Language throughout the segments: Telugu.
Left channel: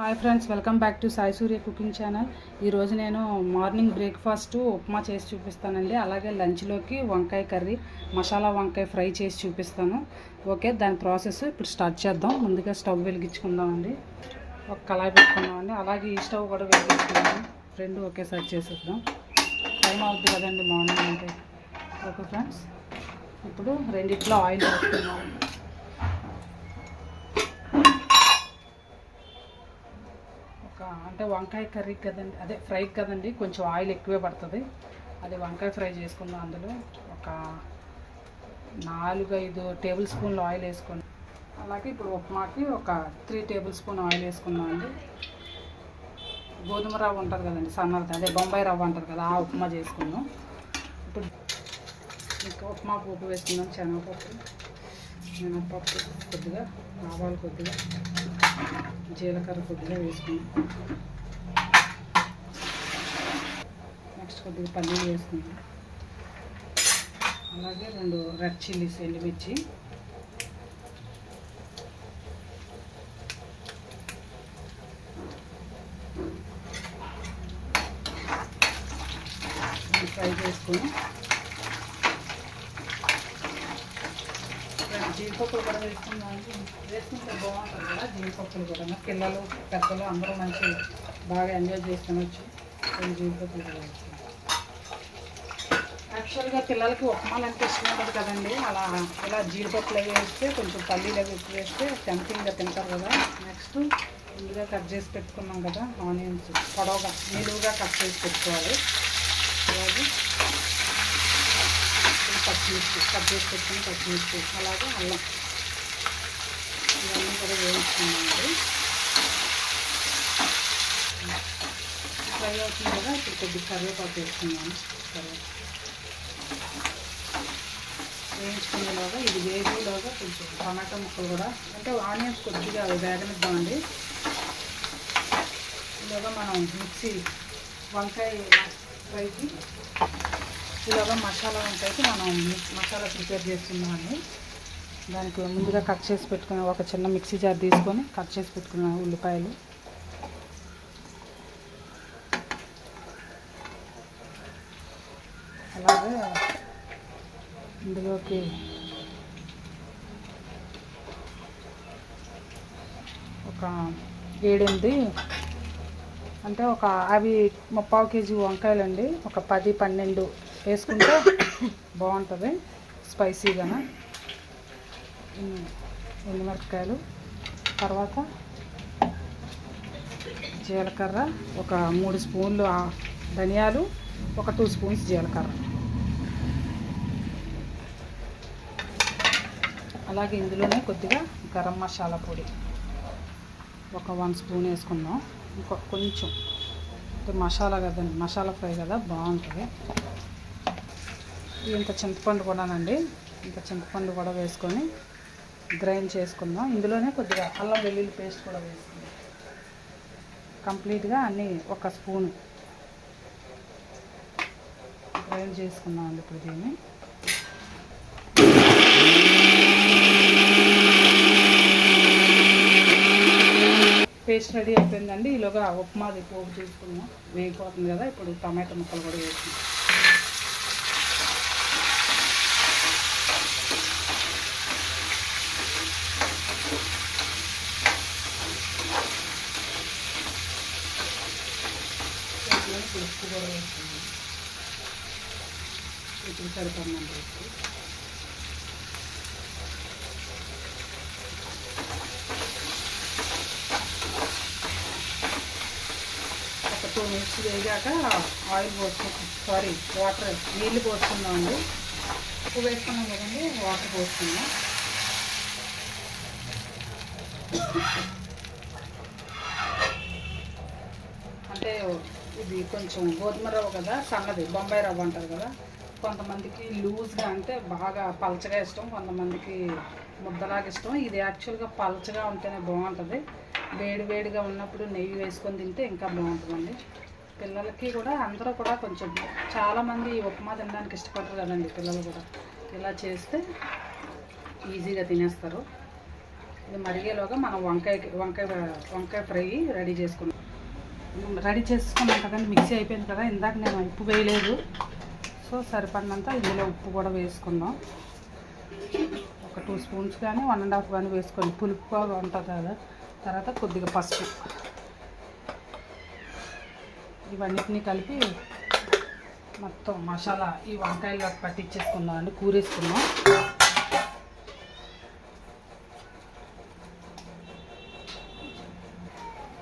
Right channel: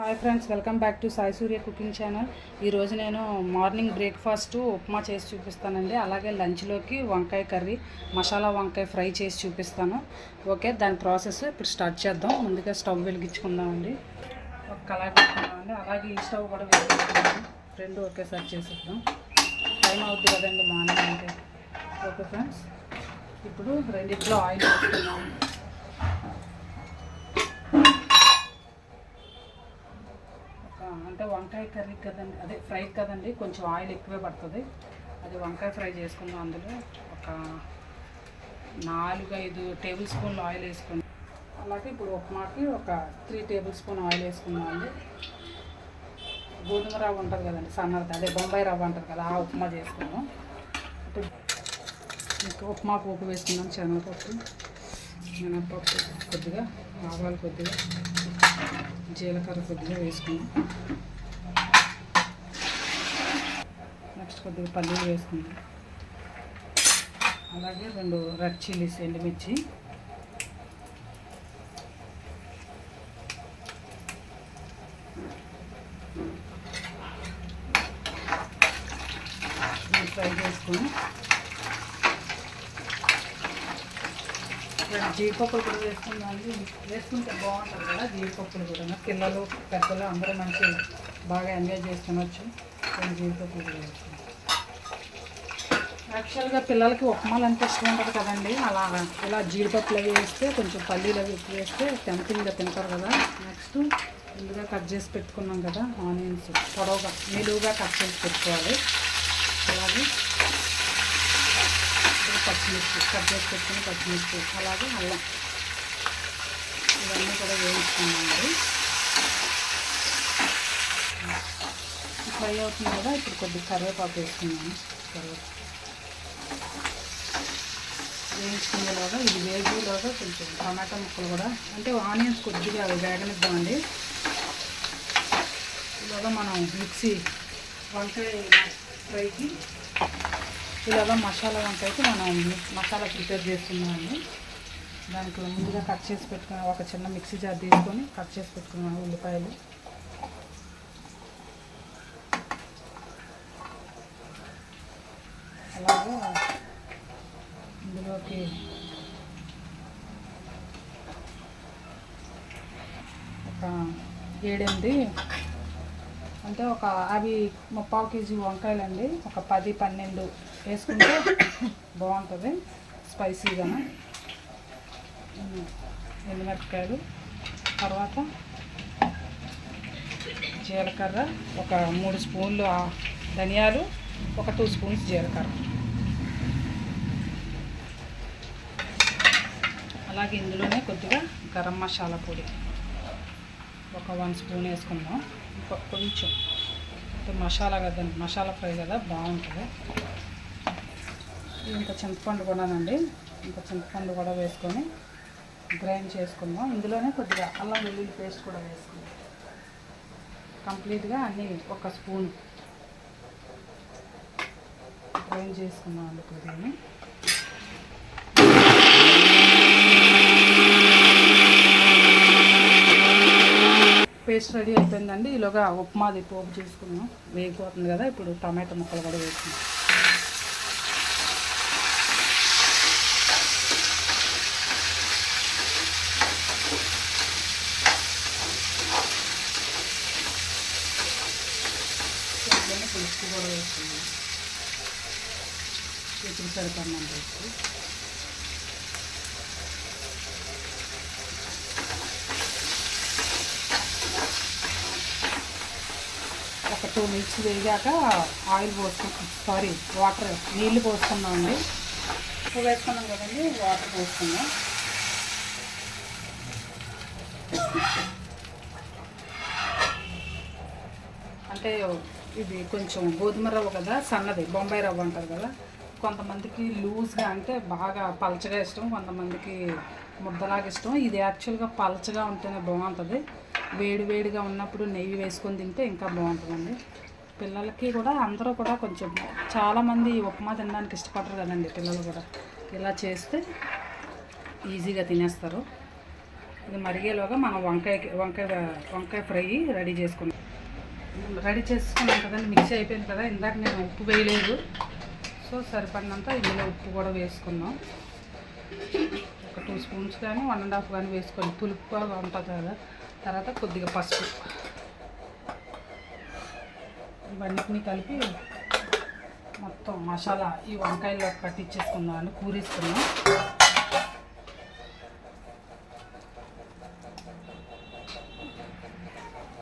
Hi friends, welcome back to Sai Surya cooking channel. ఈరోజు నేను మార్నింగ్ బ్రేక్ఫాస్ట్ ఉప్మా చేసి చూపిస్తానండి. అలాగే లంచ్లోకి వంకాయ కర్రీ, మసాలా వంకాయ ఫ్రై చేసి చూపిస్తాను. ఓకే, దాని ప్రాసెస్ ఇప్పుడు స్టార్ట్ చేద్దాం. ముందుగా స్టవ్ వెలిగించుకుందామండి. ఒక కళాయి పెట్టుకుందామండి. అలాగే ఈ స్టవ్ కూడా వెలిగించుకుందాం. రెండు ఒకేసారి చేసేద్దాం. టైం అవుతుంది కదండి మార్నింగ్ అంటే. ఓకే ఫ్రెండ్స్, ఇప్పుడు రెండిట్లో ఆయిల్ వేసుకుందాం. అంటే వంకాయ కర్రీ కదండి, అదే ఫ్రై కదండి, కొంచెం ఆయిల్ ఎక్కువే పడుతుంది. అదే వంకాయ ఫ్రై చేసుకుందాం. అందులో ఒక 4-5 టేబుల్ స్పూన్లు ఆయిల్ వేసుకుందాం. అలాగే ఇప్పుడు ఉప్మాకి ఒక 3 టేబుల్ స్పూన్ ఆయిల్ వేసుకున్నామండి. గోధుమ రవ్వ ఉంటుంది కదండి, సన్నది, అదే బొంబాయి రవ్వ అంటారు కదా, ఆ ఉప్మా చేసుకుందాం. ఇప్పుడు ఉప్మా పోపు వేసుకుందాం. మినపప్పు కొద్దిగా, ఆవాలు కొద్దిగా, జీలకర్ర కొద్దిగా వేసుకుందాం. నెక్స్ట్ కొద్దిగా పల్లీలు వేసుకుందాం. అలాగే 2 రెడ్ చిల్లీస్, ఎండుమిర్చి, ఫ్రై చేసుకుని జీడిపప్పులు కూడా వేసుకుందామండి. వేసుకుంటే బాగుంటుంది కదా జీడిపప్పులు కూడా. పిల్లలు పెద్దలు అందరూ మంచి బాగా ఎంజాయ్ చేసుకునవచ్చు. కొన్ని జీడిపప్పులు కూడా వేసుకుంటాం. యాక్చువల్గా పిల్లలకి ఉప్మాలు అంటే ఇష్టం ఉంటుంది కదండి. ఇలా జీడిపప్పులు అవి వేస్తే, కొంచెం పల్లీలు అవి ఎక్కువ వేస్తే టెంపుల్గా తింటారు కదా. నెక్స్ట్ ముందుగా కట్ చేసి పెట్టుకున్నాం కదా ఆనియన్స్, పొడవుగా నిలువుగా కట్ చేసి పెట్టుకోవాలి. అలాగే పచ్చిమిర్చి కట్ చేసి పెట్టుకుని పచ్చిమిర్చి, అలాగే అల్లం, ఇవన్నీ కూడా వేయించుకున్నామండి. ఫ్రై అవుతుంది కదా, ఇప్పుడు కొద్దిగా కరివేపాకు వేసుకున్నాను. వేయించుకునేలాగా ఇది వేగేలాగా కొంచెం టమాటా ముక్కలు కూడా, అంటే ఆనియన్స్ కొద్దిగా వేగనిద్దామండి. ఇలాగా మనం మిక్సీ వంకాయ ఫ్రైకి ఇలాగా మసాలా వంకాయకి మనం మసాలా ప్రిపేర్ చేసుకున్నామండి. దానికి ముందుగా కట్ చేసి పెట్టుకున్న ఒక చిన్న మిక్సీ జార్ తీసుకొని కట్ చేసి పెట్టుకున్నాను ఉల్లిపాయలు, అలాగే ఇందులోకి ఒక 7-8 అంటే అవి 3/4 కేజీ వంకాయలండి, ఒక 10-12 వేసుకుంటే బాగుంటుంది స్పైసీగానే. ఎండుమిరపకాయలు, తర్వాత జీలకర్ర, ఒక 3 స్పూన్లు ధనియాలు, ఒక 2 స్పూన్స్ జీలకర్ర. అలాగే ఇందులోనే కొద్దిగా గరం మసాలా పొడి ఒక 1 స్పూన్ వేసుకున్నాం. కొంచెం అంటే మసాలా కదండి, మసాలా ఫ్రై కదా, బాగుంటుంది. ఇంత చింతపండు కూడానండి, ఇంత చింతపండు కూడా వేసుకొని గ్రైండ్ చేసుకుందాం. ఇందులోనే కొద్దిగా అల్లం వెల్లుల్లి పేస్ట్ కూడా వేసుకుందాం. కంప్లీట్గా అన్నీ 1 స్పూన్ గ్రైండ్ చేసుకుందాం. ఇప్పుడు దీన్ని పేస్ట్ రెడీ అయిపోయిందండి. ఈలోగా ఉప్మాది పోపు చేసుకున్నాం, వేగిపోతుంది కదా. ఇప్పుడు టమాటా ముక్కలు కూడా వేసుకున్నాం. పులుసు కూడా వేసుకున్నాం. ఇప్పుడు సరిపడినంత వేసుకుని ఒక 2 మినిట్స్ వేగాక ఆయిల్ వాటర్ నీళ్ళు పోసుకున్నామండి. ఉప్పు వేసుకున్నాం కదండి, వాటర్ పోసుకున్నాం. అంటే ఇది కొంచెం గోధుమ రవ్వ కదా, సన్నది బొంబాయి రవ్వ అంటారు కదా. కొంతమందికి లూజ్గా అంటే బాగా పలచగా ఇష్టం, కొంతమందికి ముద్దలాగా ఇష్టం. ఇది యాక్చువల్గా పలచగా ఉంటేనే బాగుంటుంది. వేడివేడిగా ఉన్నప్పుడు నెయ్యి వేసుకొని తింటే ఇంకా బాగుంటుందండి. పిల్లలకి కూడా అందరూ కూడా కొంచెం చాలామంది ఉప్మా తినడానికి ఇష్టపడరు కదండి పిల్లలు కూడా. ఇలా చేస్తే ఈజీగా తినేస్తారు. ఇది మరిగేలోగా మనం వంకాయ ఫ్రై రెడీ చేసుకున్నాం కదండి. మిక్సీ అయిపోయింది కదా. ఇందాక నేను ఉప్పు వేయలేదు, సో సరిపడినంత ఇందులో ఉప్పు కూడా వేసుకుందాం. ఒక 2 స్పూన్స్ కానీ 1.5 కానీ వేసుకొని పులుపుగా ఉంటుంది కదా. తర్వాత కొద్దిగా పసుపు, ఇవన్నిటిని కలిపి మొత్తం మసాలా ఈ వంకాయలో పట్టించేసుకుందాం అండి. కూరేసుకుందాం.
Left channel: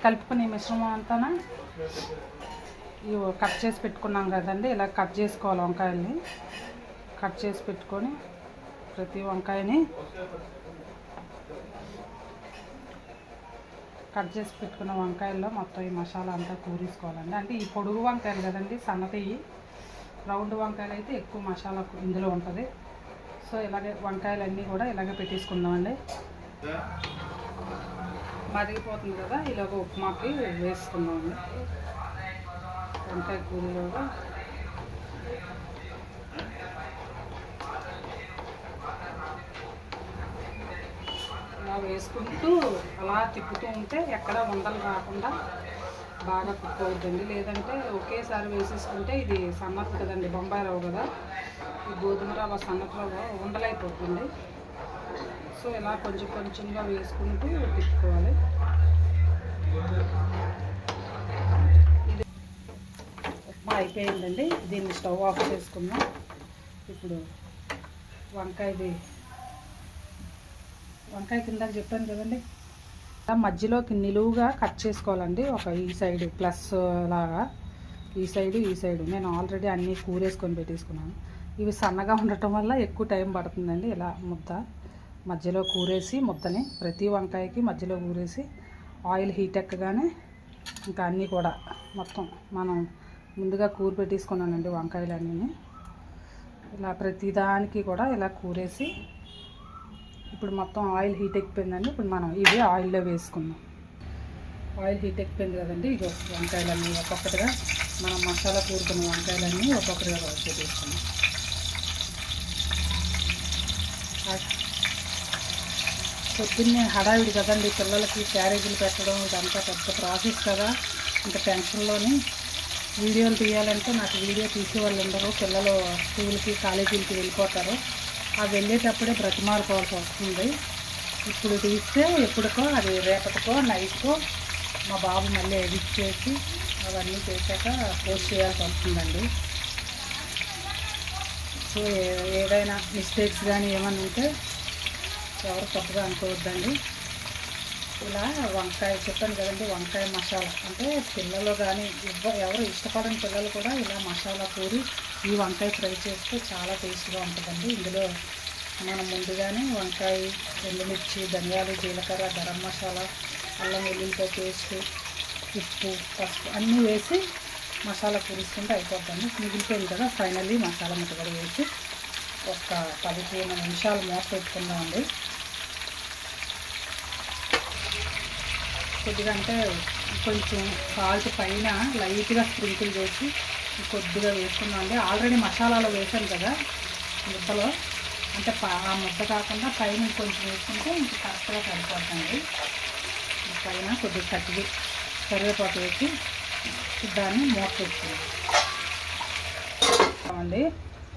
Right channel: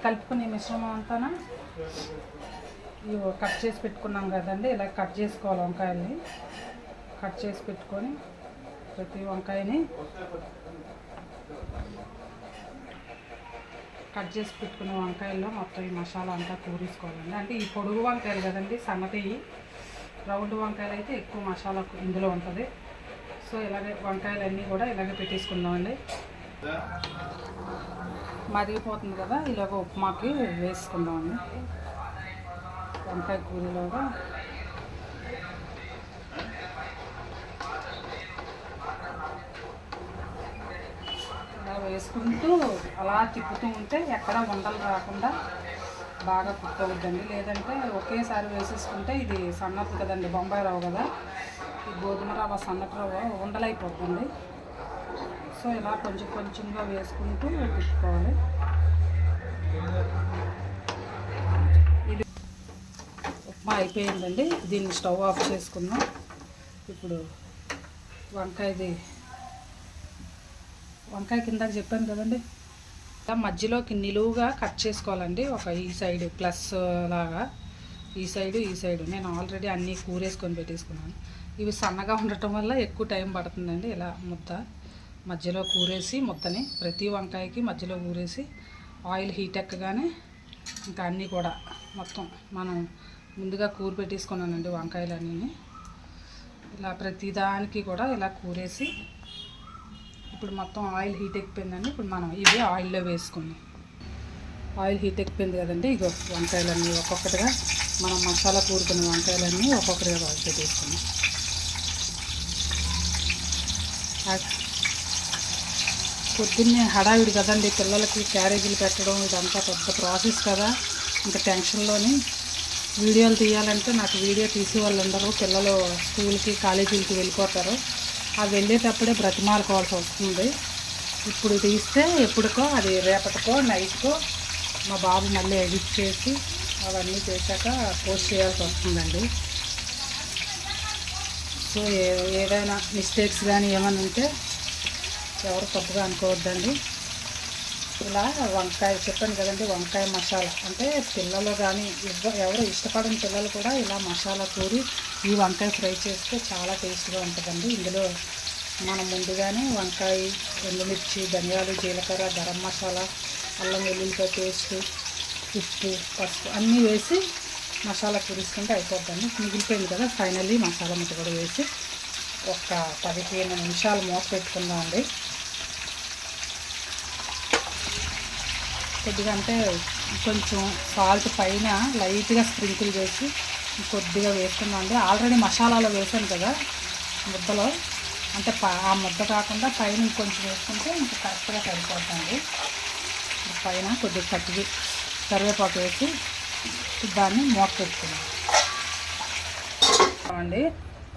కలుపుకునే మిశ్రమం అంతా ఇవి కట్ చేసి పెట్టుకున్నాం కదండి. ఇలా కట్ చేసుకోవాలి. వంకాయల్ని కట్ చేసి పెట్టుకొని ప్రతి వంకాయని కట్ చేసి పెట్టుకున్న వంకాయల్లో మొత్తం ఈ మసాలా అంతా కూరేసుకోవాలండి. అంటే ఈ పొడుగు వంకాయలు కదండి, సన్నటి రౌండ్ వంకాయలు అయితే ఎక్కువ మసాలా ఇందులో ఉంటుంది. సో ఇలాగే వంకాయలన్నీ కూడా ఇలాగే పెట్టేసుకుందామండి. మరిగిపోతుంది కదా, ఇలాగ ఉప్మాకి వేసుకుందామండి. వంకాయ కూరలోగా ఇలా వేసుకుంటూ అలా తిప్పుతూ ఉంటే ఎక్కడ ఉండలు రాకుండా బాగా కుక్ అవుతుంది. లేదంటే ఒకేసారి వేసేసుకుంటే ఇది సన్నపు కదండి, బొంబాయి రవ్వ కదా, ఈ గోధుమ రవ్వ సన్నపు రవ్వ ఉండలైపోతుంది. సో ఇలా కొంచెం కొంచెంగా వేసుకుంటూ తిప్పుకోవాలి. ఇది ఉప్మా అయిపోయిందండి. దీన్ని స్టవ్ ఆఫ్ చేసుకుందాం. ఇప్పుడు వంకాయ కింద చెప్పాను కదండి, మధ్యలోకి నిలువుగా కట్ చేసుకోవాలండి. ఒక ఈ సైడు ప్లస్ లాగా, ఈ సైడు నేను ఆల్రెడీ అన్నీ కూరేసుకొని పెట్టేసుకున్నాను. ఇవి సన్నగా ఉండటం వల్ల ఎక్కువ టైం పడుతుందండి. ఇలా మధ్యలో కూరేసి ముద్దని ప్రతి వంకాయకి మధ్యలో కూరేసి ఆయిల్ హీట్ ఎక్కగానే ఇంకా అన్నీ కూడా మొత్తం మనం ముందుగా కూర పెట్టేసుకున్నానండి. వంకాయలన్నీ ఇలా ప్రతిదానికి కూడా ఇలా కూరేసి ఇప్పుడు మొత్తం ఆయిల్ హీట్ ఎక్కిపోయిందండి. ఇప్పుడు మనం ఇవి ఆయిల్లో వేసుకుందాం. ఆయిల్ హీట్ ఎక్కిపోయింది కదండి. ఇగో వంకాయలన్నీ ఒక్కొక్కటిగా మనం మసాలా కూరుకున్న వంకాయలన్నీ ఒక్కొక్కటిగా బాగా తీసుకున్నాం. పొద్దున్నే హడావిడి కదండి, పిల్లలకి క్యారేజీలు పెట్టడం ఇదంతా పెద్ద ప్రాసెస్ కదా. ఇంకా టెన్షన్లోని వీడియోలు తీయాలంటే నాకు వీడియో తీసే వాళ్ళు ఉండరు. పిల్లలు స్కూల్కి కాలేజీలకి వెళ్ళిపోతారు. ఆ వెళ్ళేటప్పుడే బ్రతిమాలుకోవాల్సి వస్తుంది. ఇప్పుడు తీస్తే ఎప్పుడుకో అది రేపటికో నైట్కో మా బాబు మళ్ళీ ఎడిట్ చేసి అవన్నీ చేశాక పోస్ట్ చేయాల్సి వస్తుందండి. సో ఏదైనా మిస్టేక్స్ కానీ ఏమైనా ఉంటే ఎవరు కొత్తగా అనుకోవద్దండి. ఇలా వంకాయ చెప్పాను కదండి, వంకాయ మసాలా అంటే పిల్లలు కానీ ఎవరు ఇష్టపడని పిల్లలు కూడా ఇలా మసాలా కూరి ఈ వంకాయ ఫ్రై చేస్తే చాలా టేస్ట్గా ఉంటుందండి. ఇందులో మనం ముందుగానే వంకాయ, ఎండుమిర్చి, ధనియాలు, జీలకర్ర, గరం మసాలా, అల్లం వెల్లుల్లిపాయ పేస్ట్, ఉప్పు, పసుపు అన్నీ వేసి మసాలా కూరిస్తుంటే అయిపోద్దండి. మిగిలిపోయింది కదా, ఫైనల్లీ మసాలా ముద్ద కూడా వేసి ఒక 15 నిమిషాలు మూత పెట్టుకుందామండి. కొద్దిగా అంటే కొంచెం సాల్ట్ పైన లైట్గా స్ప్రింకిల్ చేసి కొద్దిగా వేసుకున్నామండి. ఆల్రెడీ మసాలాలో వేసాను కదా ముద్దలో, అంటే ఆ ముద్ద కాకుండా పైన కొంచెం వేసుకుంటే ఇంకా కరెక్ట్గా సరిపోతుంది. పైన కొద్దిగా కరివేపాకు వేసి దాన్ని మూత పెట్టుకున్నాం అండి.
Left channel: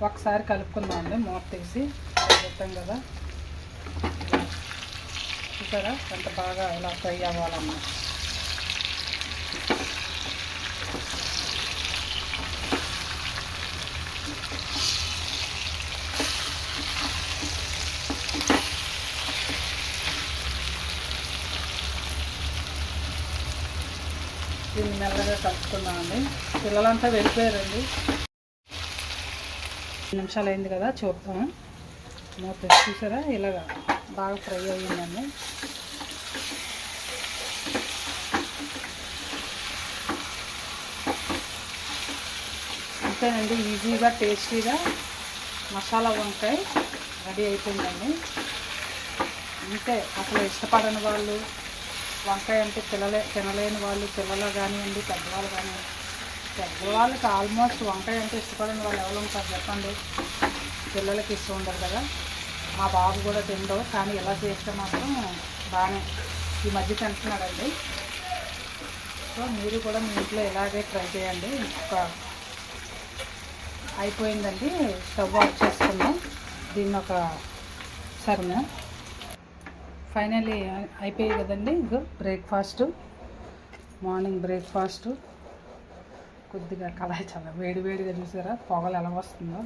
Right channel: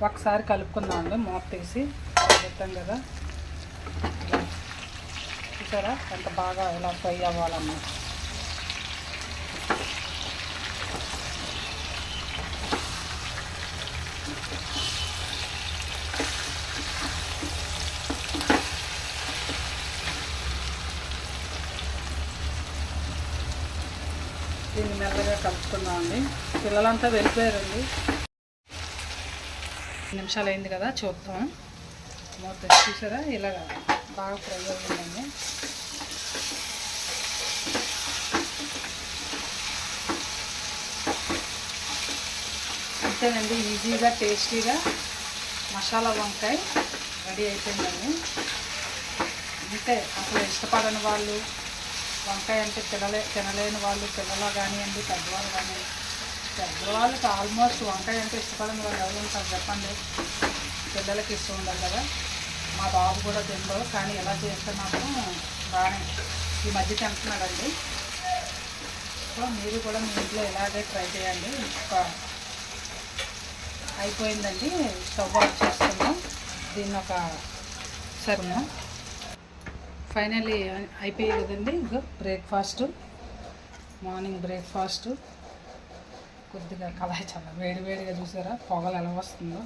ఒకసారి కలుపుకుందామండి, మూత తీసి పెట్టాం కదా. చూసారా ఎంత బాగా ఇలా ఫ్రై అవ్వాలన్నమాట. దీన్ని మెల్లగా కలుపుకుందామండి. పిల్లలంతా వెళ్ళిపోయారండి. 2 నిమిషాలు అయింది కదా, చూద్దాం. మూత చూసారా ఇలాగ బాగా ఫ్రై అయ్యిందండి. అంతేనండి, ఈజీగా టేస్టీగా మసాలా వంకాయ రెడీ అయిపోయిందండి. అంతే, అసలు ఇష్టపడని వాళ్ళు, వంకాయ అంటే తినలేని వాళ్ళు, పిల్లలు కానివ్వండి పెద్దవాళ్ళు కానివ్వండి, పెద్దవాళ్ళకి ఆల్మోస్ట్ వంకాయ అంటే ఇష్టపడని వాళ్ళు ఎవరు ఉంటారు చెప్పండి. పిల్లలకి ఇష్టం ఉండదు కదా, మా బాబు కూడా తిండవు. కానీ ఎలా చేస్తే మాత్రం బాగానే ఈ మధ్య తింటున్నాడండి. సో మీరు కూడా మీ ఇంట్లో ఇలాగే ట్రై చేయండి. అయిపోయిందండి, స్టవ్ ఆఫ్ చేసుకున్నాం. దీన్ని ఒక సర్ను ఫైనల్లీ అయిపోయాయి కదండి. ఇగో బ్రేక్ఫాస్ట్, మార్నింగ్ బ్రేక్ఫాస్ట్. కొద్దిగా కళాయి చాలా వేడివేడిగా చూసారా పొగలు ఎలా వస్తుందో.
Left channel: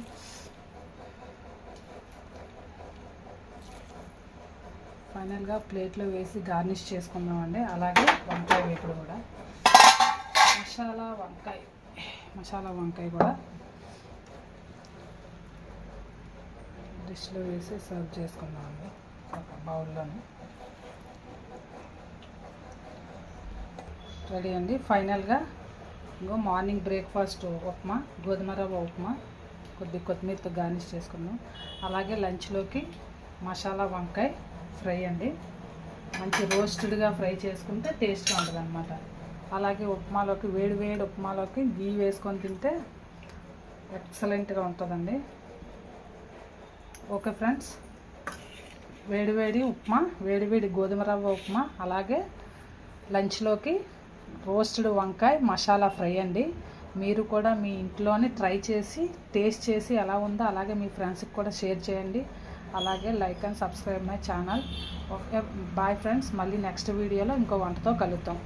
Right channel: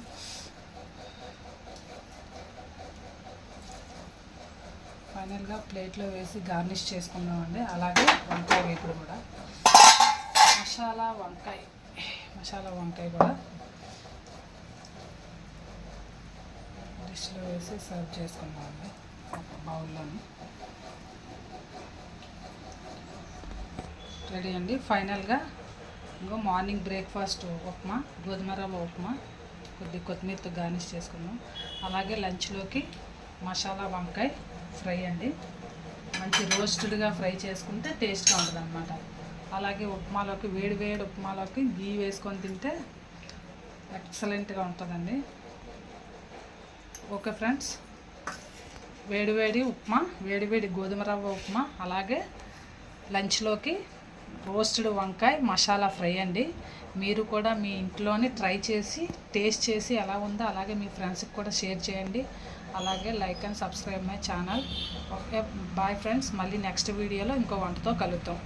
ఫైనల్గా ప్లేట్లో వేసి గార్నిష్ చేసుకున్నామండి. అలాగే వంకాయ వేపుడు కూడా, మసాలా వంకాయ కూడా డిష్లో వేసి సర్వ్ చేసుకున్నామండి ఒక బౌల్లోని. రెడీ అండి. ఫైనల్గా ఇంకో మార్నింగ్ బ్రేక్ఫాస్ట్ ఉప్మా, గోధుమ రవ్వ ఉప్మా, కొద్దిగా కొత్తిమీరతో గార్నిష్ చేసుకున్నాం. అలాగే లంచ్లోకి మసాలా వంకాయ ఫ్రై అండి. మంచి రోస్టెడ్గా ఫ్రై చేసుకుంటే టేస్ట్గా ఉంటుంది అన్నమాట. అలాగే ఉప్మాలోకి, వేడి ఉప్మాలోకి గీ వేసుకొని తింటే ఎక్సలెంట్గా ఉంటుందండి. ఓకే ఫ్రెండ్స్, వేడి ఉప్మా, వేడి గోధుమ రవ్వ ఉప్మా, అలాగే లంచ్లోకి రోస్టెడ్ వంకాయ మసాలా ఫ్రై అండి. మీరు కూడా మీ ఇంట్లోనే ట్రై చేసి టేస్ట్ చేసి ఎలా ఉందో అలాగే మీ ఫ్రెండ్స్కి కూడా షేర్ చేయండి. అలాగే like and subscribe my channel. Okay, bye friends. మళ్ళీ నెక్స్ట్ వీడియోలో ఇంకో వంటతో కలుద్దాం.